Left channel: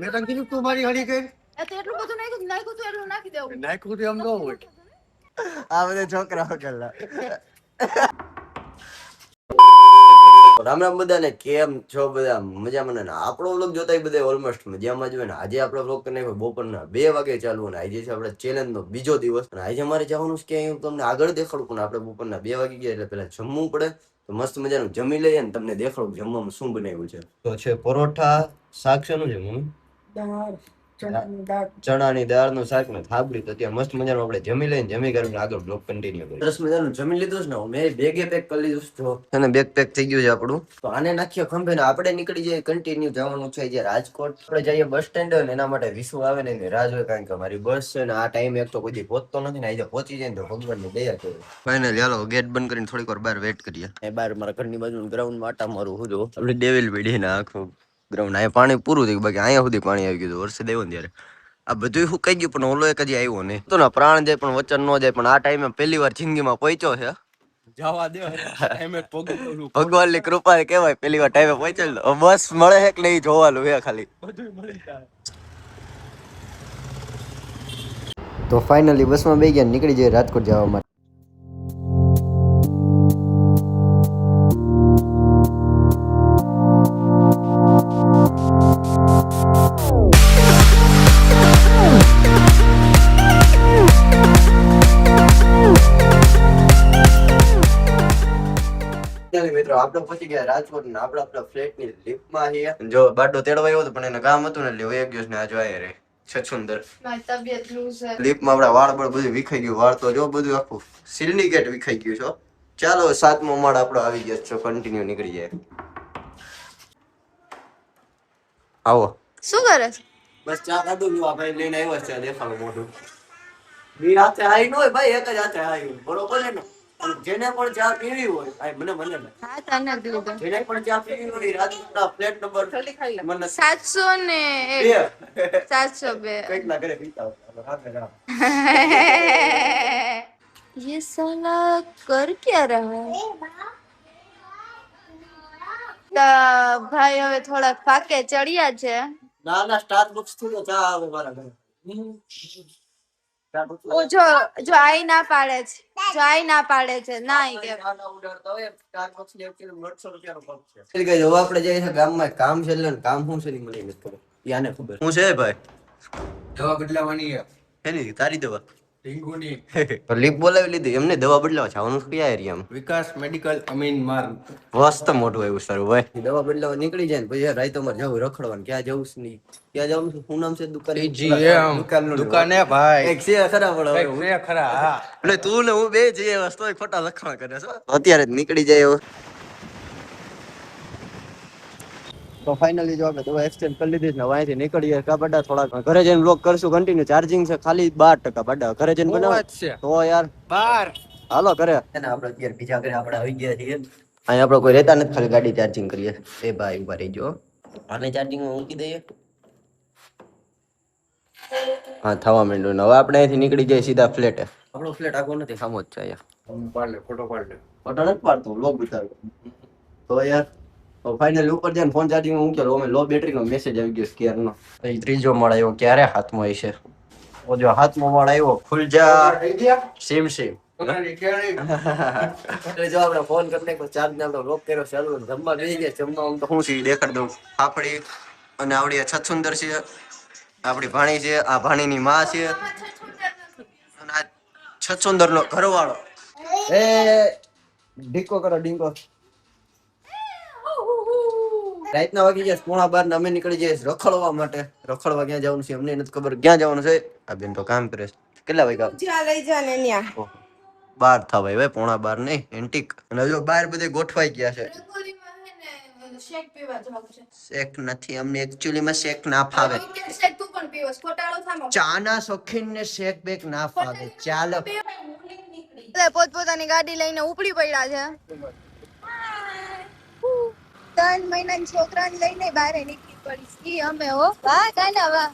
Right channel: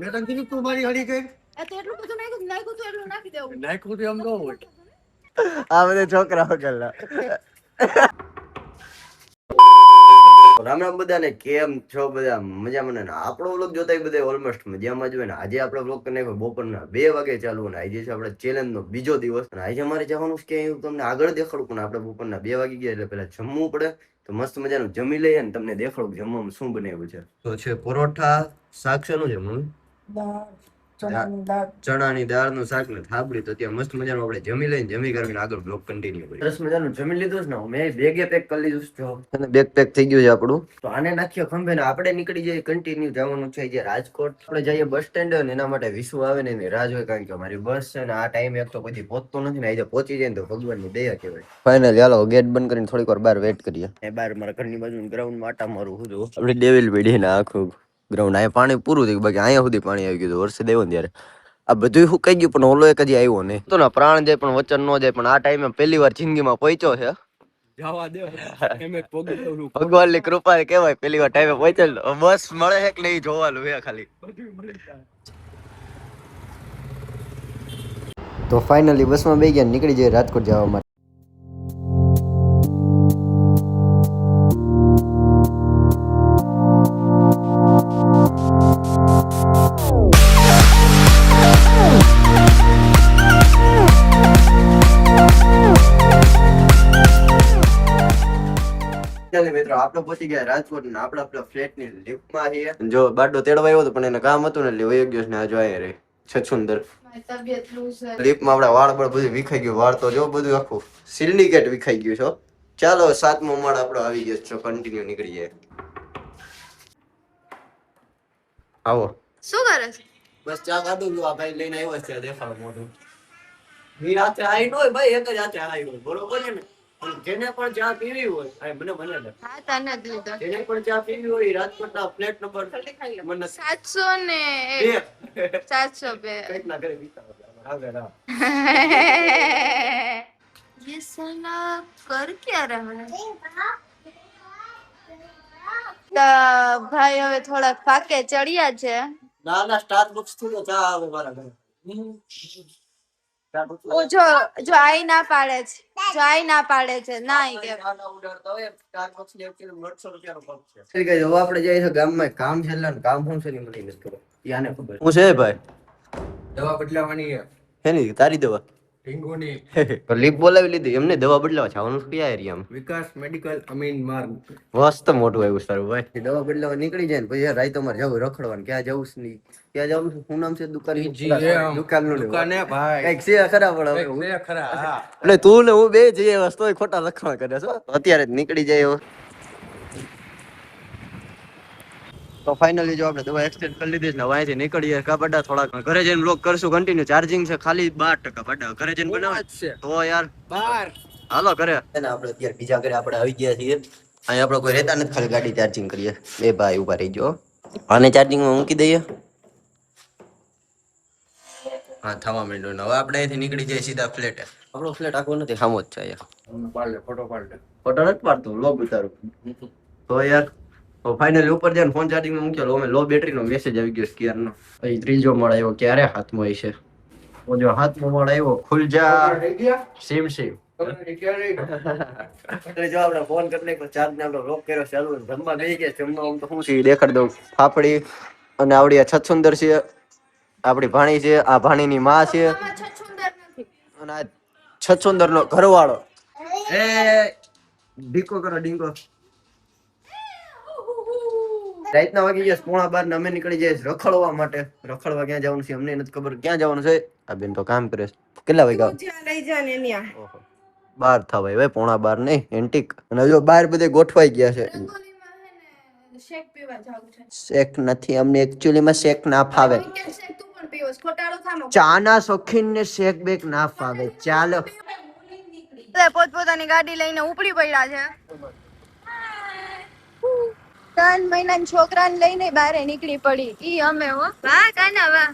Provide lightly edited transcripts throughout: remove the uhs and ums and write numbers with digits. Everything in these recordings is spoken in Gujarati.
મેં તને કીધું તું મારી હળી કર. એ તો એટલું બધું નાખ્યું તો એટલું નાખી દેવું. નાખ્યું તો એમ ન હોય. આ બધા છોકરાઓ કરલા. રામ રામ બધાને, કેમ છો બધા? મજામાં ને? આપણો વ્લોગ જોતા બધા ઓલમોસ્ટ મજામાં જ હોય ને. આજે આપણો વ્લોગ કરી નાખ્યો બપોરના 2 વાગે ચાલુ, અને આજે છે આપણે ચેલેન્જ નો બીજો દિવસ. અને આજે અમારે જવાનું છે કે હું તમને આગળ દેખાડું, પણ આપણે બપોરના 2 વાગી ગયા એટલે પેલા જમવું પડે. તો મસ્ત મજાનું જમી લઈએ ને તમને દેખાડું જમવામાં શું બનાવ્યું છે. તો છે પરોઠા, શાક શેનું છે મમ્મી? દાળ, ચણાની દાળનું શાક ને થાબડી. તો ત્યાં મસ્ત મજાનું આપણે જમી લઈને જમી કરીને આગળ બ્લોગ કન્ટિન્યુ કરીએ. સરસ મજાનું જમી લીધું છે ને, મેં બેગે પેક કરી લીધું છે. જો અને બેગ પેક થઈ ગયું છે આપણું. તો આને નાખ્યો ખંભે ને આપણે નીકળી જઈએ. કન્ટિન્યુ જવાનું છે જે રાજકોટ. આપણે જઈએ બસ સ્ટેન્ડ ને એના માટે વિસુ આવે ને એની રાહ જોઈએ, કારણ કે અમારી બસ છે ને આ ટાઈમ એક તો કોઈ પહોંચતો નથી ને. આજે પહોંચી જાય ને તો ભગવાનની દયા કહેવાય. ફાઇનલી હાલો ગેટ બંધ કરીને થોડીક વાર બહાર વેટ કરીએ. એ બહાર મારા ઘરની બાજુ ગ્રાઉન્ડ માં આટા મારું હું જો આપણે ડેવિલ પીડી ને આખું ગ્રાઉન્ડ. અહીંયા પાણી પૂરું થયું, બાકી અહીંયા સુધી પાણી આવી ગયું. વરસાદ આવ્યો ને ત્યારે આ બધું સુકાઈ ગયું, પણ ઓલો એક હજી આવ્યો નહીં. તો ને પ્રાણ જાય પણ વચન ન જાય. પણ આ ટાઈમે પહેલી વાર જિંદગીમાં પહોંચ્યો છે. ભગવાનની કૃપા કેવાય, પહેલી વાર ટાઈમે પહોંચેલ. બસ મળે છે કે નહીં જોવાનું છે ખાલી. તો ફાઇનલી બસમાં બેસી ગયા, નીકળી જઈએ રાજકોટ જવા માટે. આપણે પહોંચી ગયા રાજકોટ ને આપણે આપણા ફ્લેટ ની લિફ્ટ માં છીએ. જો બાડો તેડવા આવ્યો હતો પણ એને કામ હતું ને એટલે વયો ગયો ને. આ જો આયા રે છછુંદર લિફ્ટ માં આપડા વાળ બળ બધું વિખાઈ ગયું. વાળ તો જો બધું આખું સિન્ડિકેટ વિખાઈ ગયું છો. ચાલો 7મો માળ આપણો આવી ગયો છે. કન્ટિન્યુ નીકળી જાય. આવો શું કરે છે? બસ ચા કાઢું છું. આ ભાઈ લઈને આવ્યો છે. દેખાડો મોઢું. મી હાથે આવી ન હોય ભાઈ, એક જ હાથે આવી હોય, બરોબર છે ને? જેને પણ ચા પીવી હોય આ મને હા તને જ લીધો. જેને પણ ચા પીવી હોય રાજકોટના ફ્લેટ નંબર મને 702 702 કઈક ના કરે પીતા હોય. હા ના ये साला कर क्या रहा है? તો ભાઈ હવે થોડાક ફાકે ચડ્યા છે. ના સ્ટારબક્સ થી ચા આવે મારા ઘરે. ઓ જો આઈ ના પાડે છે. જો આઈ ના પાડે છે ના ઈ કે નાના ઉડાડતા હોય. સ્ટારબક્સ ને એકચુઅલી 800 રૂપિયાનો કપ છે. એટલે હવે આપણે જઈએ છે ગામમાં. કામ છે એટલે કામ શું છે ની મને નથી ખબર. યાને ખબર શું છે ભાઈ? દવા બદલાવાની છે. એની તારી દવા ઢીંગુની લીપ બોલાવી લીધી એમને. દવા બદલાવા જવાનું કયા એરિયામાં? વિકાસ મેડિકલ અમીન માર્ગ. મસ્ત મોટું આવ્યું સારું ભાઈ. દવા બદલાવા નીકળી જાય ને પછી રાઈતો મારે જવું રખડવાનું. ક્યાં જવું છે નહીં, ક્યાં જવું છે? શું નામ છે દુકાન? દુકાને ભાઈ કઈક છે ખરા પણ છે ખરા. હા એટલે તું ને હું બે જઈએ વસ્તુ ખોટા લખવા કરે છો. અત્યારે જ નીકળી જાય હવે. તો ફાઇનલી જો આપણે દવા એક્સચેન્જ કરી લીધી છે ને અહીંથી નીકળીએ. કા બડા થોડાક ઘરે જઈને બ્લોગ કરશું કન્ટિન્યુ. ચાર્જિંગ છે ખાલી 12% બડા. ઘરે જઈને બનાવે તો યાર 12 હાલો ઘરે. આપણે અત્યારે બીજા ઘરે આપણે આવી ગયા છીએ. અહીં આપણે કોઈ રહેતા નથી, ખાલી ગાડી ચાર્જિંગ કરીએ. એ ભાઈ ઉભા રહી ગયો. આને ચાર્જિંગમાં મૂકી દઈએ. હા થવા માંડ્યું. હવે આપણે અહીંથી નીકળી જઈએ સીધા ફ્લેટે. આપણો ફ્લેટ આખો નથી, સામો જ છે અહીંયા. ફોટો નથી પાડતો, વ્લોગ ઉતારું તો યાર. તો ફાઇનલી ઉપર જઈને ફોન ચાર્જિંગમાં મૂકેલો. અમે લો બેટરીનો મેસેજ આવી ગયો સ્કેરનો. પછી 3જો માળ આવ્યો. ક્યારે હાથમાં આવી છે? ઓ જો 7મો માળ આવ્યો. ખુલ જા સેમ એટલે જો આપણે ફોન કરી નાખ્યો. ચાર્જ ને આપણે લોક કર્યો. ચાલુ જમવા બેસી ગયા. જમવા તો શું છે દેખાડી દઉં. ફાફડી અને આવડી આ છછુંદર છે. આપણી ભાણી છે. આ ભાણીની માં છે. અને આ છછુંદર નો ઘરવાળો. એ ડીકો કરો ડીકો. રાતના વાગી ગયા 11:15 અમે નીકળી જઈએ રખડવા માટે. રખડવા ક્યાં જવાનું છે અમને નથી ખબર. ક્યાં જવાનું છે? આ બેન તો કામ કરે છે. કેટલા વાગ્યા જ્યાં લઈ જાને ન્યા? ઓહો 12 થવાય ભાઈ, 11:15 નહીં એન્ટિક. અને જો બહાર બધે ગોઠવાઈ ગયા છે. શેક પીવા જાવું છે. શેક નથી અમને એક્ચ્યુઅલી માં શેક ના ફાવે. શેક તું પણ પીવસ ખોટાળો થાનો. ચા ના શોખીન ને શેક બેક ના ફાવે. ચાલો પોતપોતાની ગાડી લઈને ઉપડી પડ્યા છે. 3 મહિનાના છોકરાને લઈને બહાર નીકળી પડી. ઈ અમે હો. વાહ કાના વાહ.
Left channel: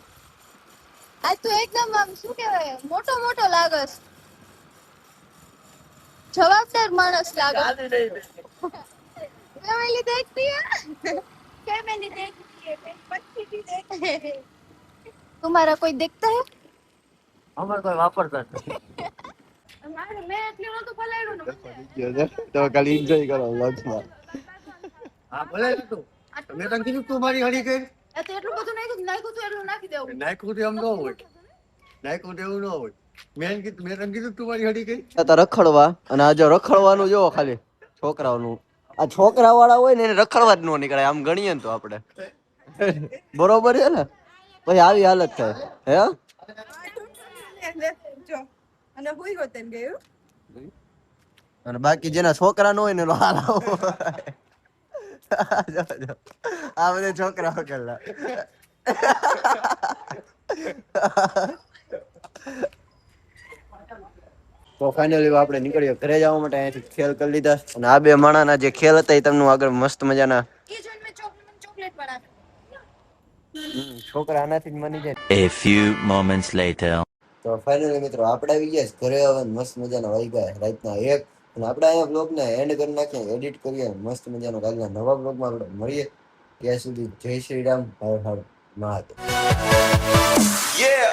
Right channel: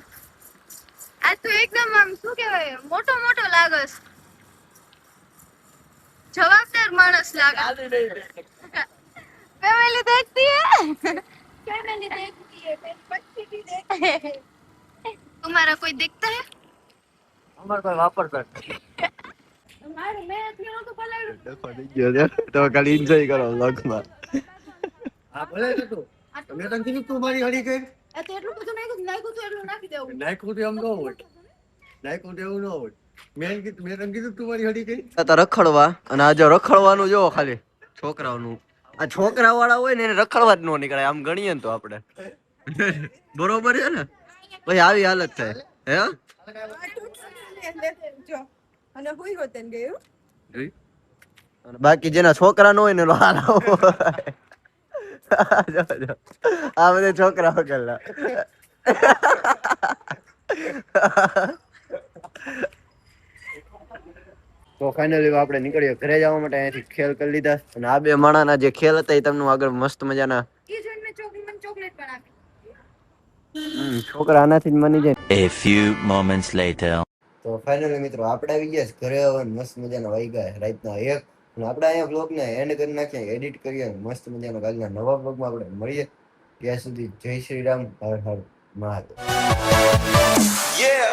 આ તો એકદમ આમ શું કહેવાય મોટો મોટો લાગસ. જવાબદાર માણસ લાગે. ફેમિલી દેખતી હે. ફેમિલી દેખતી હે. પછી भी देख तुम्हारा कोई दिखता है અમાર કોઈ વાપરતા નથી. મારે મેં એટલું નતું પલાળ્યું ને તો ખાલી એન્જોય કરો વ્લોગમાં. હા ભલે નતું મેં તને કીધું તું મારી હળી કરી એ તો એટલું બધું નાખ્યું તો એટલું નાખી દેવું નાખ્યું તો એમ ન હોય નાખ્યું તો એવું ન હોય મેં તને કીધું તું મારી હળી કરી તો રખડવા અને આ જો રખડવાનું જો ખાલી છોકરાઓનું આ છોકરા વાળા હોય ને એને રખડવા જ ન નીકળે આમ ગણીએ ને તો આપણે બરોબર છે ને પછી આવી હાલત થાય હે જો અને હુઈ હોતન ગયું અને બાકી જેના છોકરા ન હોય ને એનો હાલ આવો જો, જો. આ બધા છોકરાઓ કરલા તો ફાઇનલી આપણે નીકળ્યો ઘરે જવા માટે અહીંયાથી ખેલ કરી લીધા અને આ બે માણાના જે ખેલ હતા એ તમને આગળ મસ્ત મજાના એ જોઈને મેં ચોકલેટ પણ આપી છોકરા આનાથી જ માની જાય. A few moments later. તો ફાઇનલી મિત્રો આપણે આવી ગયા છે ઘરે હવે મસ્ત મજાના વાગ્યા રાતના 1 અને આપણે અહીંયા બ્લોગને એન્ડ કરી નાખીએ એડિટ કરીએ મસ્ત મજાનો કાલના નવા બ્લોગમાં આપણે મળીએ ત્યાં સુધી જય શ્રી રામ હર હર મહાદેવ. Yeah.